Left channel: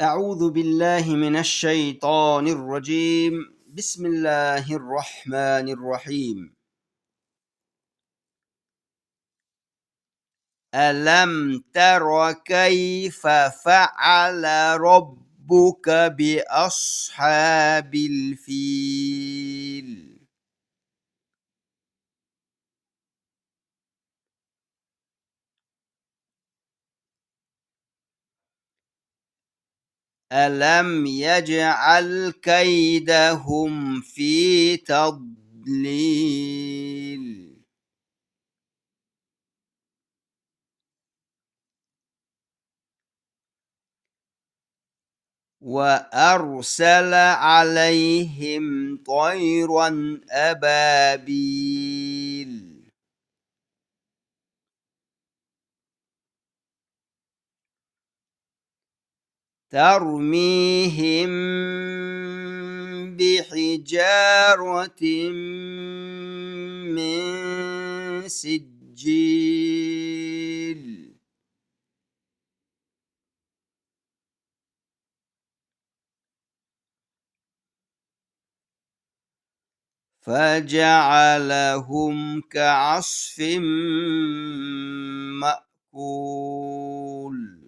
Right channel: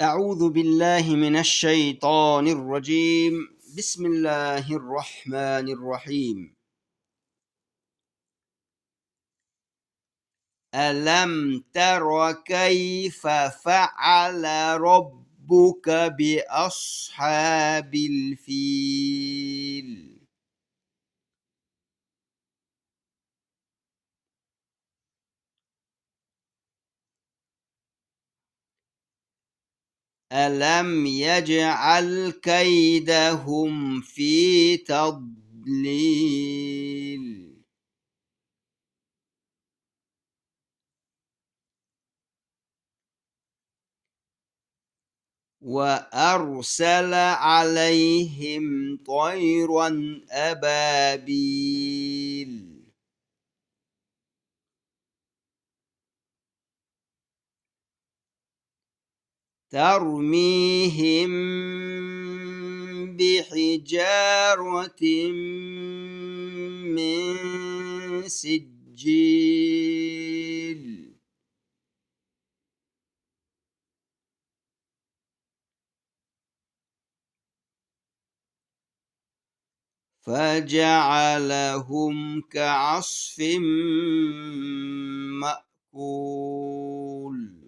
أعوذ بالله من الشيطان الرجيم. بسم الله الرحمن الرحيم. ألم تر كيف فعل ربك بأصحاب الفيل؟ ألم يجعل كيدهم في تضليل؟ وأرسل عليهم طيرا أبابيل ترميهم بحجارة من سجيل فجعلهم كعصف مأكول